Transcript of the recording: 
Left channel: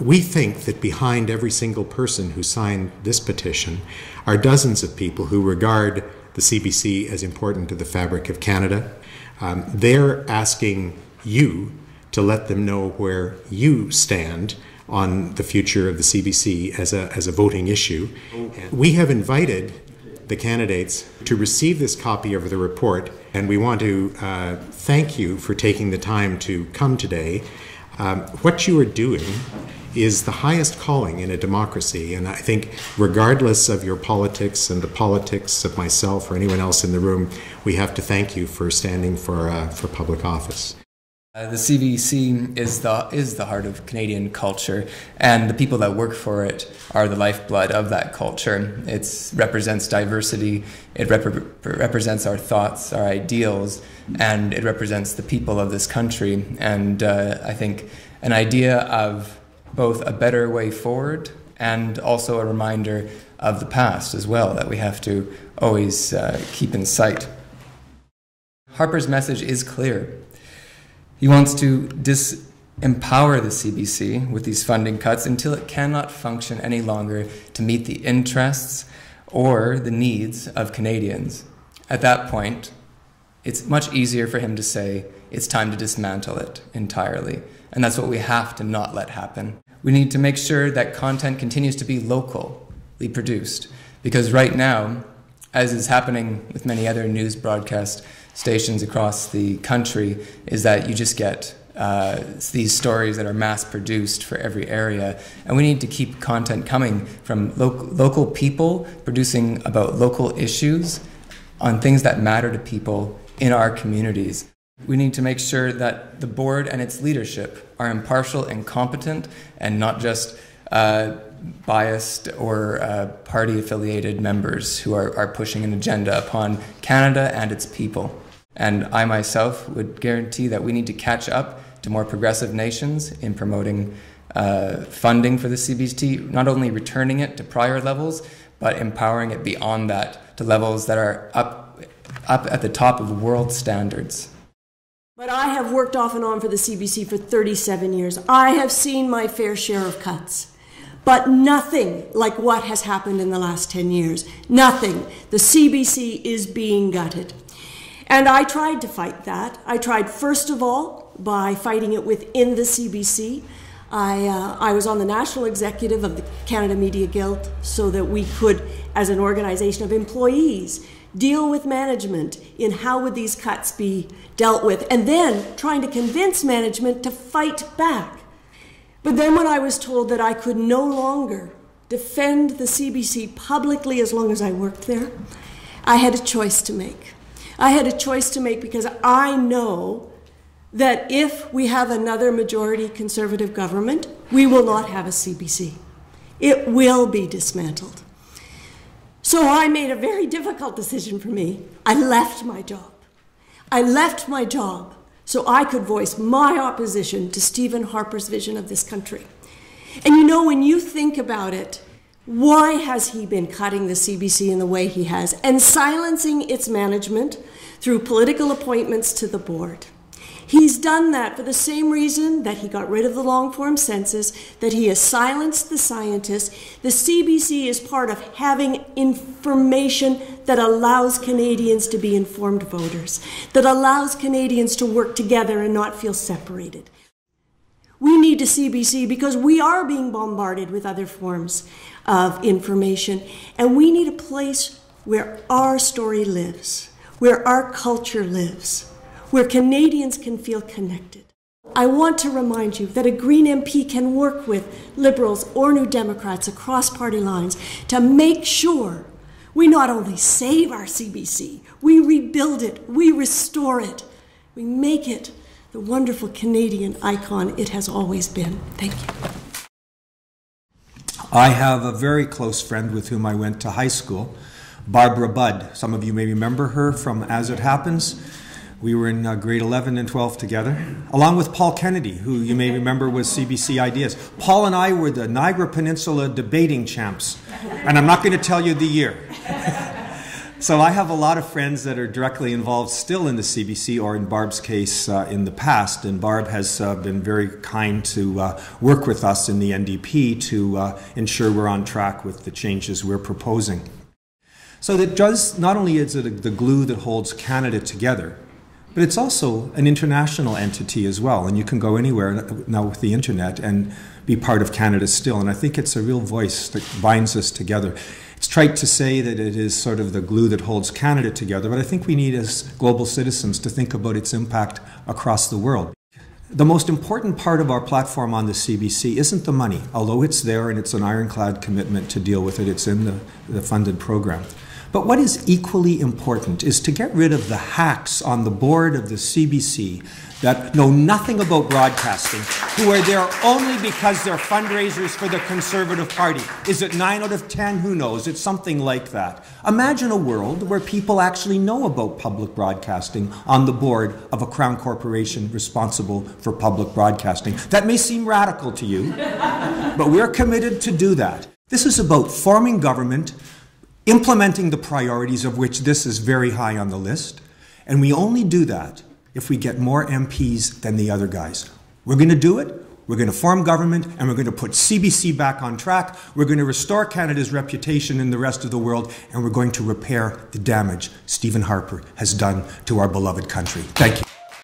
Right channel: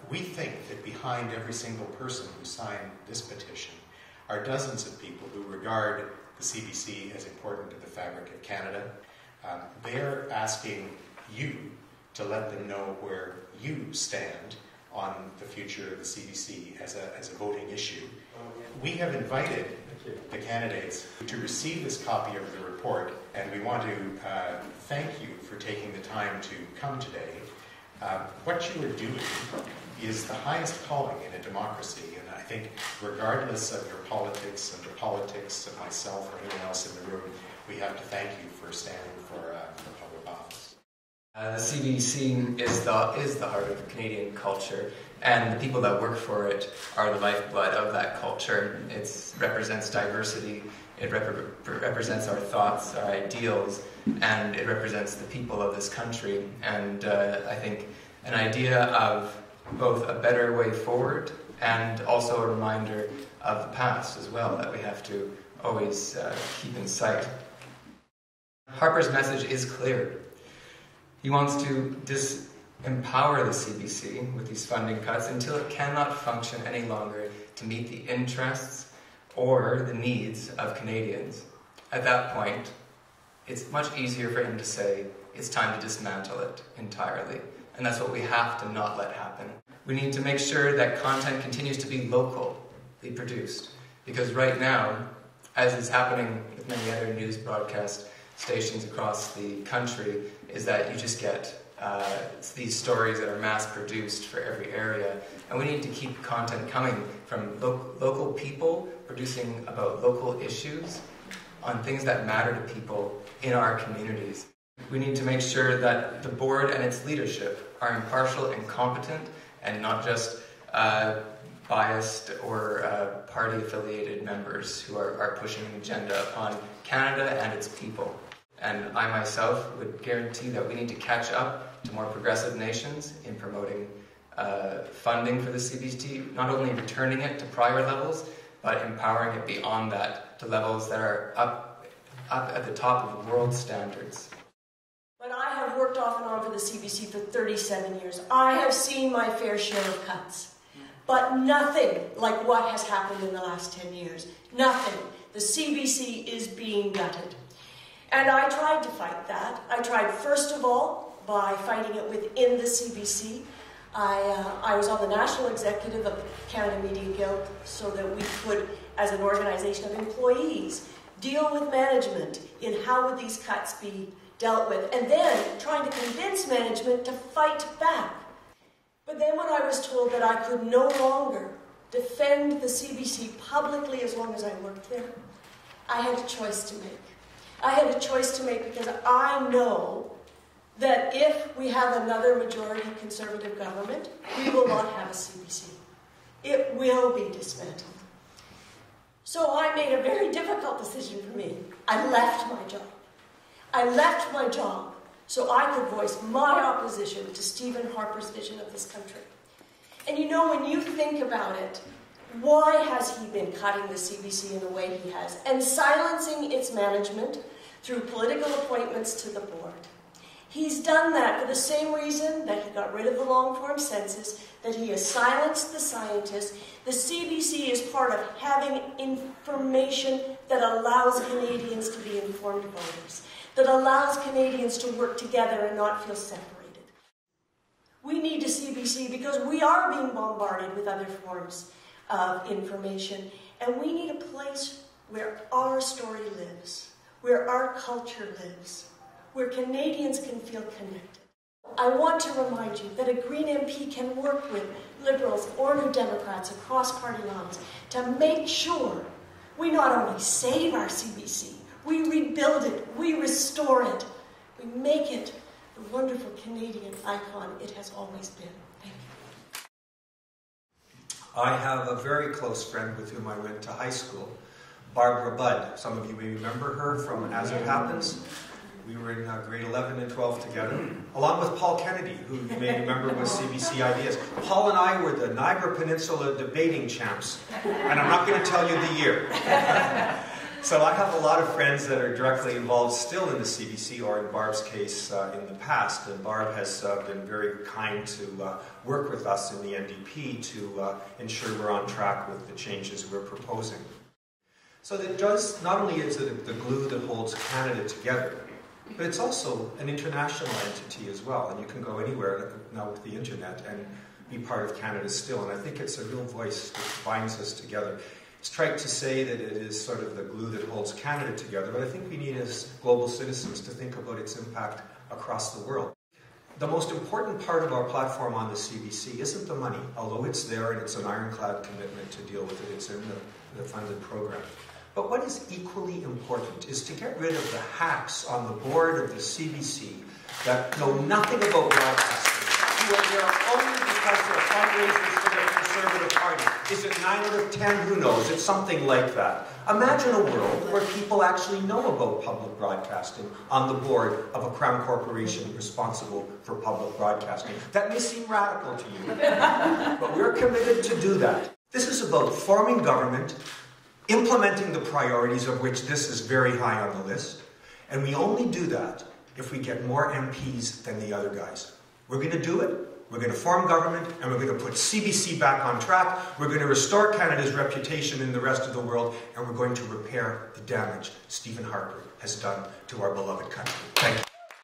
We think that behind every single person who signed this petition are dozens of people who regard the CBC as important to the fabric of Canada. They're asking you to let them know where you stand on the future of the CBC as a voting issue. We have invited the candidates to receive this copy of the report, and we want to thank you for taking the time to come today. What you are doing is the highest calling in a democracy, and I think regardless of your politics and the politics of myself or anyone else in the room, we have to thank you for standing for public office. The CBC is the heart of Canadian culture, and the people that work for it are the lifeblood of that culture. It represents diversity, it represents our thoughts, our ideals, and it represents the people of this country. And I think an idea of both a better way forward and also a reminder of the past as well that we have to always keep in sight. Harper's message is clear. He wants to disempower the CBC with these funding cuts until it cannot function any longer to meet the interests or the needs of Canadians. At that point, it's much easier for him to say it's time to dismantle it entirely. And that's what we have to not let happen. We need to make sure that content continues to be locally produced, because right now, as is happening with many other news broadcast stations across the country, is that you just get these stories that are mass-produced for every area. And we need to keep content coming from local people producing about local issues on things that matter to people in our communities. We need to make sure that the board and its leadership are impartial and competent and not just biased or party-affiliated members who are pushing an agenda upon Canada and its people. And I myself would guarantee that we need to catch up to more progressive nations in promoting funding for the CBC, not only returning it to prior levels, but empowering it beyond that to levels that are up at the top of world standards. But I have worked off and on for the CBC for 37 years. I have seen my fair share of cuts, but nothing like what has happened in the last 10 years. Nothing. The CBC is being gutted. And I tried to fight that. I tried, first of all, by fighting it within the CBC. I was on the national executive of the Canada Media Guild so that we could, as an organization of employees, deal with management in how would these cuts be dealt with, and then trying to convince management to fight back. But then when I was told that I could no longer defend the CBC publicly as long as I worked there, I had a choice to make. I had a choice to make because I know that if we have another majority Conservative government, we will not have a CBC. It will be dismantled. So I made a very difficult decision for me. I left my job. I left my job so I could voice my opposition to Stephen Harper's vision of this country. And you know, when you think about it, why has he been cutting the CBC in the way he has and silencing its management through political appointments to the board? He's done that for the same reason that he got rid of the long-form census, that he has silenced the scientists. The CBC is part of having information that allows Canadians to be informed voters, that allows Canadians to work together and not feel separated. We need a CBC because we are being bombarded with other forms of information, and we need a place where our story lives, where our culture lives, where Canadians can feel connected. I want to remind you that a Green MP can work with Liberals or New Democrats across party lines to make sure we not only save our CBC, we rebuild it, we restore it, we make it the wonderful Canadian icon it has always been. Thank you. I have a very close friend with whom I went to high school, Barbara Budd. Some of you may remember her from As It Happens. We were in grade 11 and 12 together, along with Paul Kennedy, who you may remember was CBC Ideas. Paul and I were the Niagara Peninsula debating champs, and I'm not going to tell you the year. So I have a lot of friends that are directly involved still in the CBC, or in Barb's case, in the past. And Barb has been very kind to work with us in the NDP to ensure we're on track with the changes we're proposing. So that does, not only is it the glue that holds Canada together, but it's also an international entity as well. And you can go anywhere now with the internet and be part of Canada still. And I think it's a real voice that binds us together. It's trite to say that it is sort of the glue that holds Canada together, but I think we need, as global citizens, to think about its impact across the world. The most important part of our platform on the CBC isn't the money, although it's there and it's an ironclad commitment to deal with it. It's in the funded program. But what is equally important is to get rid of the hacks on the board of the CBC that know nothing about broadcasting, who are there only because they're fundraisers for the Conservative Party. Is it 9 out of 10? Who knows? It's something like that. Imagine a world where people actually know about public broadcasting on the board of a Crown corporation responsible for public broadcasting. That may seem radical to you, but we're committed to do that. This is about forming government, implementing the priorities of which this is very high on the list, and we only do that if we get more MPs than the other guys. We're going to do it, we're going to form government, and we're going to put CBC back on track, we're going to restore Canada's reputation in the rest of the world, and we're going to repair the damage Stephen Harper has done to our beloved country. Thank you.